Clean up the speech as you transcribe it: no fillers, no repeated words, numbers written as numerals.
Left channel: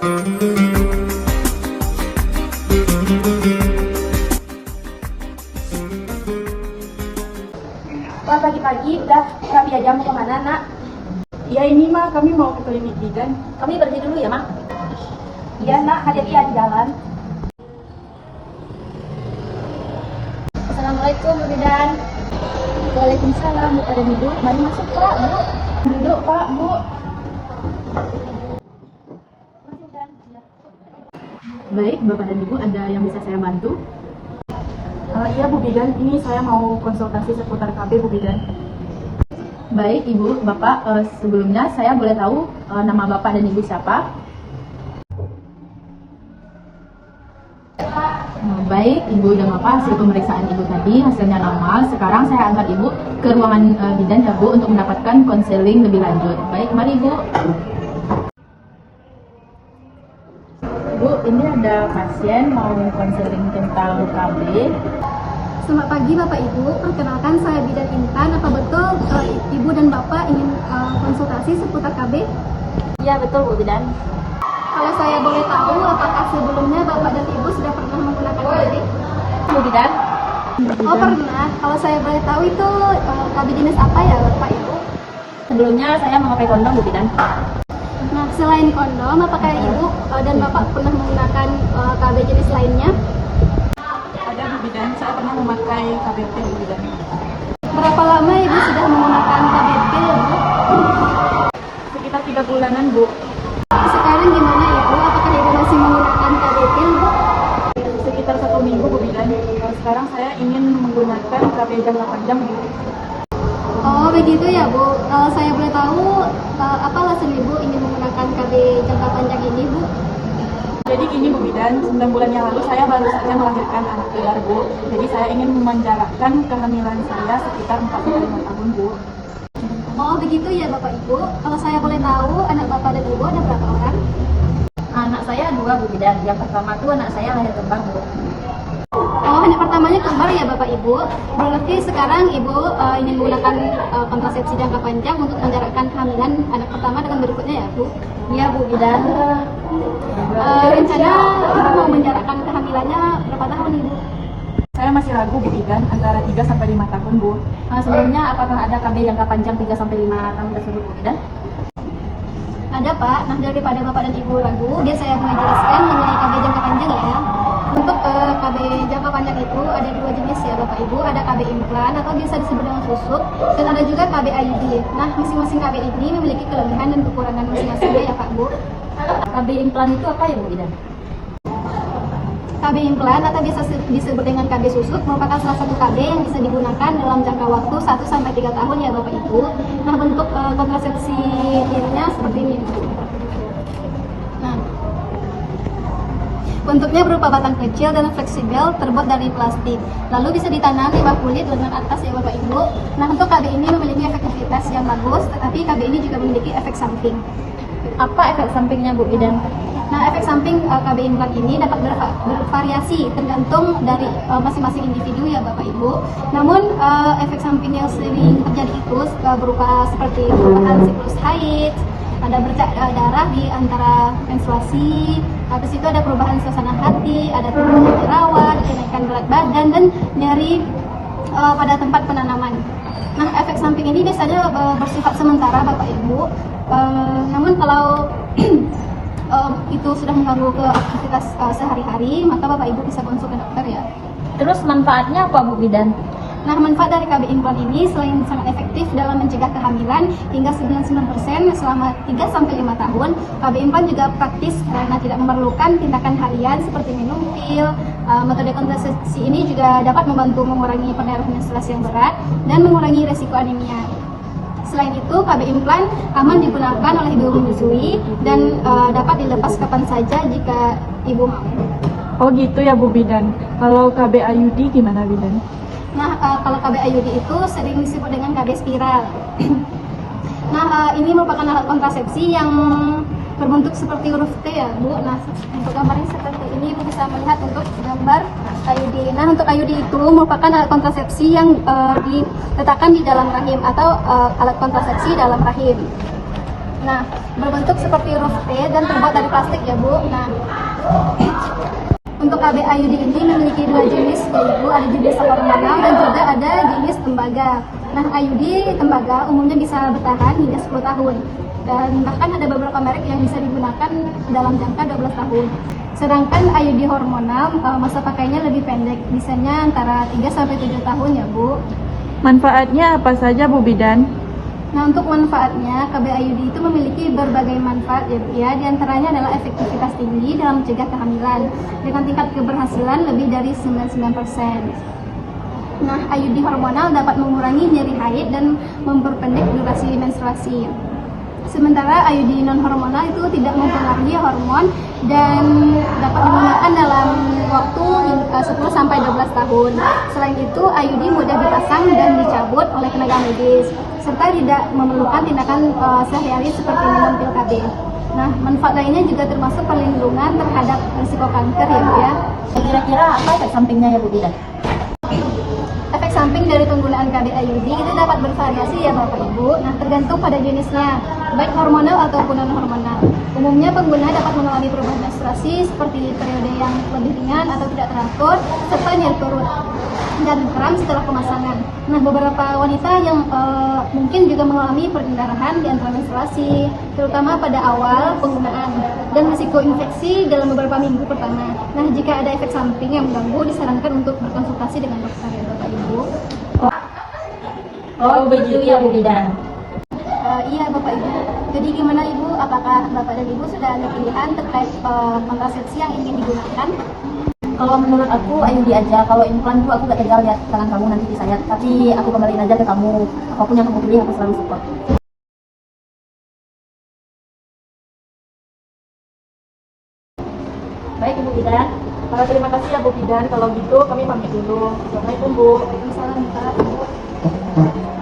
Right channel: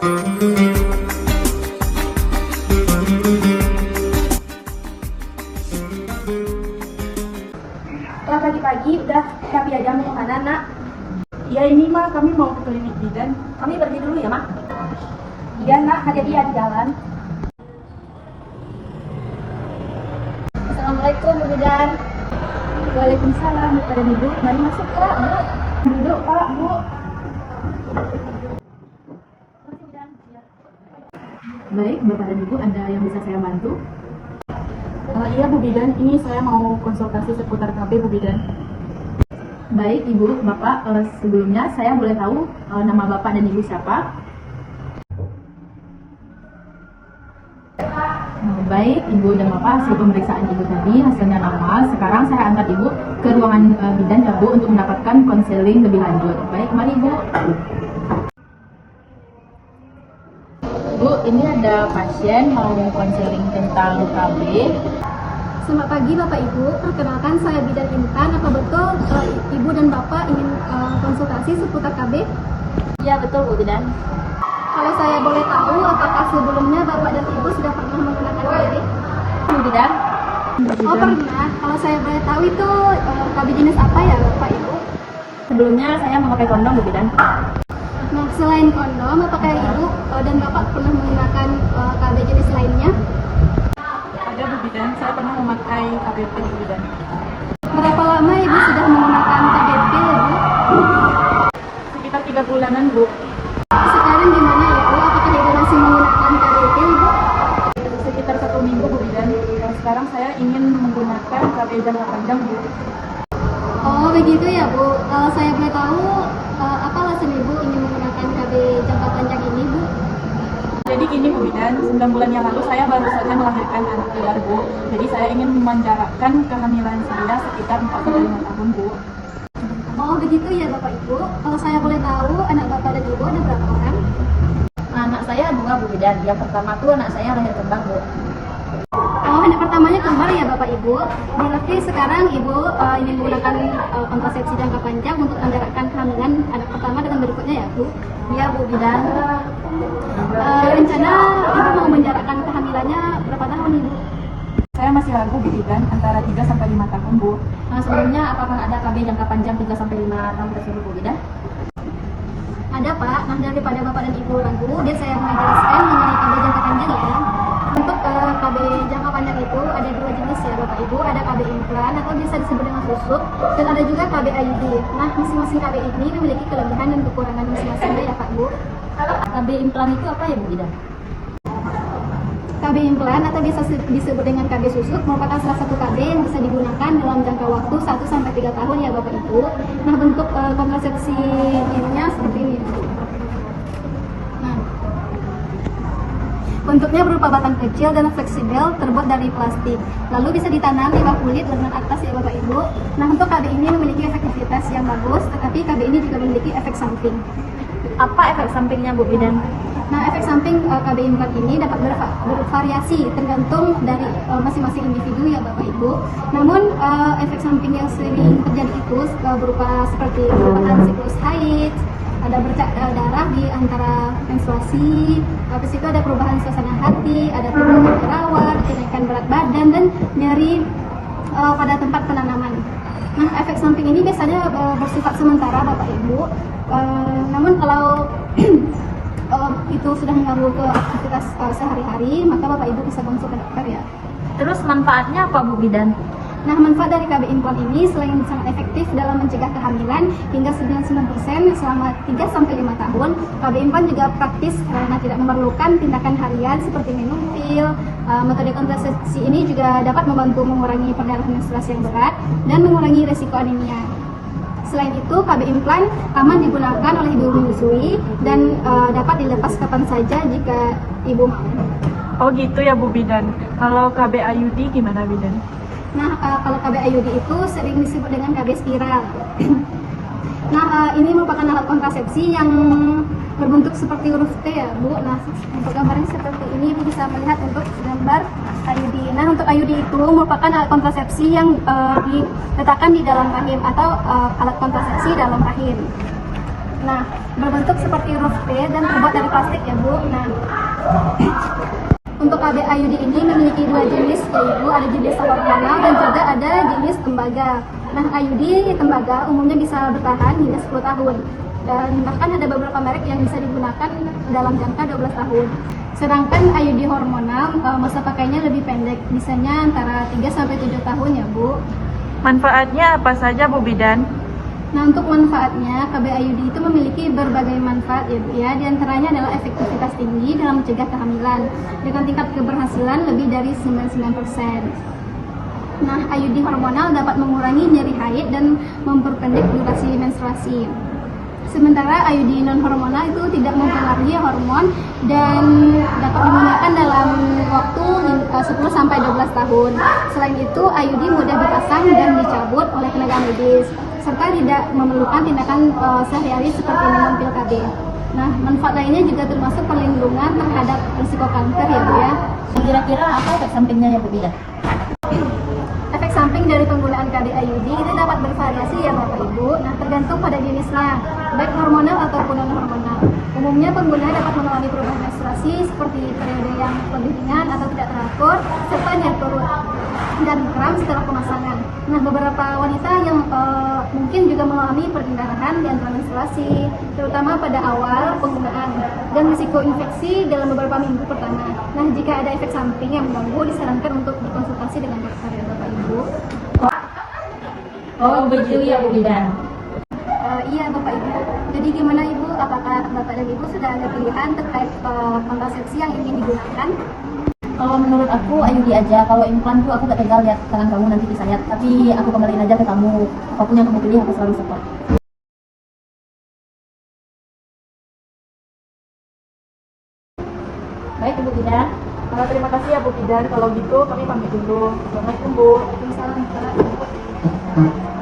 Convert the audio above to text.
Wah, pagi-pagi udah rapi aja, mau kemana, nak? Ya ini mah kami mau ke klinik bidan. Kami berhenti dulu ya, mak. Iya, nak, hati-hati ya di jalan. Assalamualaikum, Bu Bidan. Waalaikumsalam, ada Ibu. Mari masuk, Pak, Bu. Duduk, Pak, Bu. Baik, Bapak dan Ibu, ada yang bisa saya bantu? Iya, Bu Bidan, ini saya mau konsultasi seputar KB, Bu Bidan. Baik, Ibu, Bapak, sebelumnya saya boleh tahu nama Bapak dan Ibu siapa? Baik, Ibu dan Bapak, hasil pemeriksaan Ibu tadi hasilnya normal. Sekarang saya antar Ibu ke ruangan bidan ya, Bu, untuk mendapatkan konseling lebih lanjut. Baik, mari Ibu. Bu, ini ada pasien mau konseling tentang KB. Selamat pagi Bapak Ibu, perkenalkan saya Bidan Intan. Apa betul Ibu dan Bapak ingin konsultasi seputar KB? Iya, betul, Bu Bidan. Kalau saya boleh tahu, apakah sebelumnya Bapak dan Ibu sudah pernah menggunakan KB? Bu Bidan. Oh pernah, kalau saya boleh tahu itu KB jenis apa ya Bapak Ibu? Sebelumnya saya memakai kondom, Bu Bidan. Nah selain kondom, apakah Ibu dan Bapak pernah menggunakan KB jenis lainnya? Ada, Bu Bidan, saya pernah memakai KBP, Bu Bidan. Berapa lama Ibu sudah menggunakan KBP ya Bu? Sekitar 3 bulanan, Bu. Sekarang gimana ya Bu? Apakah Ibu masih menggunakan KBP Bu? Sekitar 1 minggu, Bu Bidan. Sekarang saya ingin menggunakan KB jangka panjang, Bu. Oh begitu ya Bu. Saya boleh tahu apa alasan Ibu ingin menggunakan KB jangka panjang ini Bu? Jadi gini, Bu Bidan, 9 bulan yang lalu saya baru saja melahirkan anak liar, Bu. Jadi saya ingin memenjarakan kehamilan saya sekitar 4-5 tahun, Bu. Oh begitu ya Bapak Ibu. Kalau saya boleh tahu anak Bapak dan Ibu ada berapa orang? Anak saya 2, Bu Bidan. Yang pertama tuh anak saya lahir kembang, Bu. Oh anak pertamanya kembar ya Bapak Ibu. Berarti sekarang Ibu ingin menggunakan kontrasepsi jangka panjang untuk menjarakkan kehamilan anak pertama dengan berikutnya ya Bu? Iya, Bu Bidan. Rencana Ibu mau menjarakkan kehamilannya berapa tahun Ibu? Saya masih ragu, Bu Bidan, antara 3-5 tahun, Bu. Sebelumnya apakah ada KB jangka panjang 3-5 tahun tersebut, Bu Bidan? Ada Pak, nah daripada Bapak dan Ibu ragu, dia saya mau jelaskan mengenai KB jangka panjang ya. Untuk KB jangka panjang itu ada 2 jenis ya Bapak Ibu, ada KB implan atau biasa disebut dengan susuk, dan ada juga KB IUD. Nah masing-masing KB ini memiliki kelebihan dan kekurangan masing-masing ya Pak Bu. KB implan itu apa ya, Bu Bidan? KB implan atau biasa disebut dengan KB susuk merupakan salah satu KB yang bisa digunakan dalam jangka waktu 1-3 tahun ya Bapak Ibu. Nah bentuk kontrasepsi ininya seperti ini. Nah, bentuknya berupa batang kecil dan fleksibel terbuat dari plastik. Lalu bisa ditanam di bak kulit lengan atas ya Bapak Ibu. Nah untuk KB ini memiliki efektivitas yang bagus, tetapi KB ini juga memiliki efek samping. Apa efek sampingnya, Bu Bidan? Nah, efek samping KB implan ini dapat bervariasi tergantung dari masing-masing individu ya Bapak Ibu. Namun efek samping yang sering terjadi itu berupa seperti perubahan siklus haid, ada bercak darah di antara menstruasi, habis itu ada perubahan suasana hati, ada timbul jerawat, kenaikan berat badan dan nyeri pada tempat penanaman. Nah, efek samping ini biasanya bersifat sementara Bapak Ibu. Namun kalau itu sudah mengganggu ke aktivitas sehari-hari, maka Bapak Ibu bisa konsul ke dokter ya. Terus manfaatnya apa, Bu Bidan? Nah, manfaat dari KB implan ini selain sangat efektif dalam mencegah kehamilan hingga 99% selama 3-5 tahun, KB implan juga praktis karena tidak memerlukan tindakan harian seperti minum pil. Metode kontrasepsi ini juga dapat membantu mengurangi perdarahan menstruasi yang berat dan mengurangi resiko anemia. Selain itu, KB implan aman digunakan oleh ibu menyusui dan dapat dilepas kapan saja jika ibu mau. Oh gitu ya, Bu Bidan. Kalau KB IUD gimana, Bidan? Nah, kalau KB IUD itu sering disebut dengan KB spiral. Nah, ini merupakan alat kontrasepsi yang berbentuk seperti huruf T ya, Bu. Nah, untuk gambarnya seperti ini, Ibu bisa melihat untuk gambar IUD. Nah, untuk IUD itu merupakan alat kontrasepsi yang diletakkan di dalam rahim atau alat kontrasepsi dalam rahim. Nah, berbentuk seperti huruf T dan terbuat dari plastik ya Bu. Nah, untuk KB IUD ini memiliki dua jenis, yaitu ada jenis hormonal dan juga ada jenis tembaga. Nah, IUD tembaga umumnya bisa bertahan hingga 10 tahun. Dan bahkan ada beberapa merek yang bisa digunakan dalam jangka 12 tahun. Sedangkan IUD hormonal masa pakainya lebih pendek, bisanya antara 3-7 tahun ya Bu. Manfaatnya apa saja Bu Bidan? Nah, untuk manfaatnya, KB IUD itu memiliki berbagai manfaat ya Bu ya. Di antaranya adalah efektivitas tinggi dalam mencegah kehamilan dengan tingkat keberhasilan lebih dari 99%. Nah, IUD hormonal dapat mengurangi nyeri haid dan memperpendek durasi menstruasi. Sementara IUD non hormonal itu tidak mempengaruhi hormon dan dapat digunakan dalam waktu 10-12 tahun. Selain itu, IUD mudah dipasang dan dicabut oleh tenaga medis serta tidak memerlukan tindakan sehari-hari seperti minum pil KB. Nah, manfaat lainnya juga termasuk perlindungan terhadap risiko kanker ya Bu ya. Kira-kira apa efek sampingnya ya Bu Bidan? Efek samping dari penggunaan KB IUD itu dapat bervariasi ya Bapak Ibu. Nah, tergantung pada jenisnya, baik hormonal ataupun non hormonal. Umumnya pengguna dapat mengalami perubahan menstruasi seperti periode yang lebih ringan atau tidak teratur, serta nyeri perut dan kram setelah pemasangan. Nah, beberapa wanita yang mungkin juga mengalami perdarahan di antara menstruasi, terutama pada awal penggunaan, dan risiko infeksi dalam beberapa minggu pertama. Nah, jika ada efek samping yang mengganggu, disarankan untuk berkonsultasi dengan dokter ya Bapak Ibu. Oh begitu ya Bu Bidan. Iya Bapak Ibu. Jadi gimana Ibu? Apakah Bapak dan Ibu sudah ada pilihan terkait kontrasepsi yang ingin digunakan? Kalau menurut aku IUD aja. Kalau implan tuh aku gak tegal lihat tangan kamu nanti disayat. Tapi aku kembaliin aja ke kamu. Apapun yang kamu pilih aku selalu support. Baik Ibu Bidan. Terima kasih ya Bu Bidan. Kalau gitu kami pamit dulu. Assalamualaikum Bu. Assalamualaikum.